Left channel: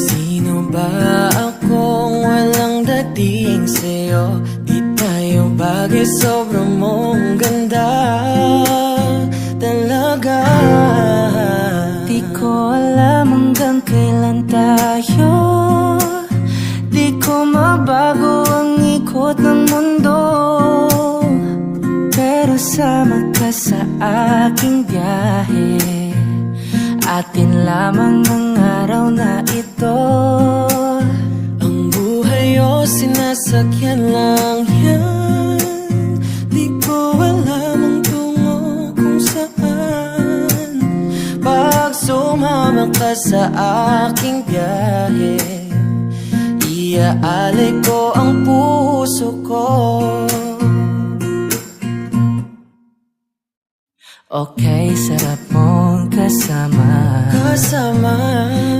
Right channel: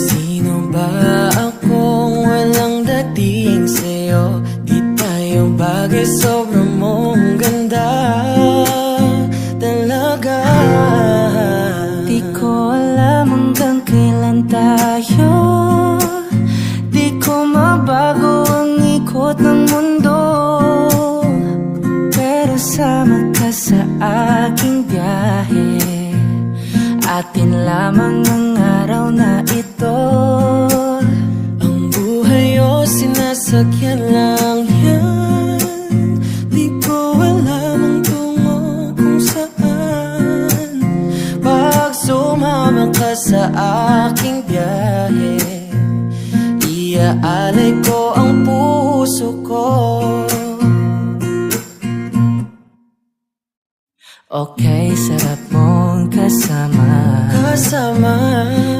Sino ba akong walang dating sa'yo? Di tayo bagay, sobrang mong ganda talaga. Di ko alam hanggang kailan tayo, di ko mabago ang ikot ng mundo, pero sama ka sa aking biyahe. Atin lamang ang araw na ito. Ang buhay o sinasakyan lang yan, di ko alam ang tungo kung saan. Pag sumama ka sa aking biyahe, iaalay ko ang puso ko. Okay, sarap mong kasama.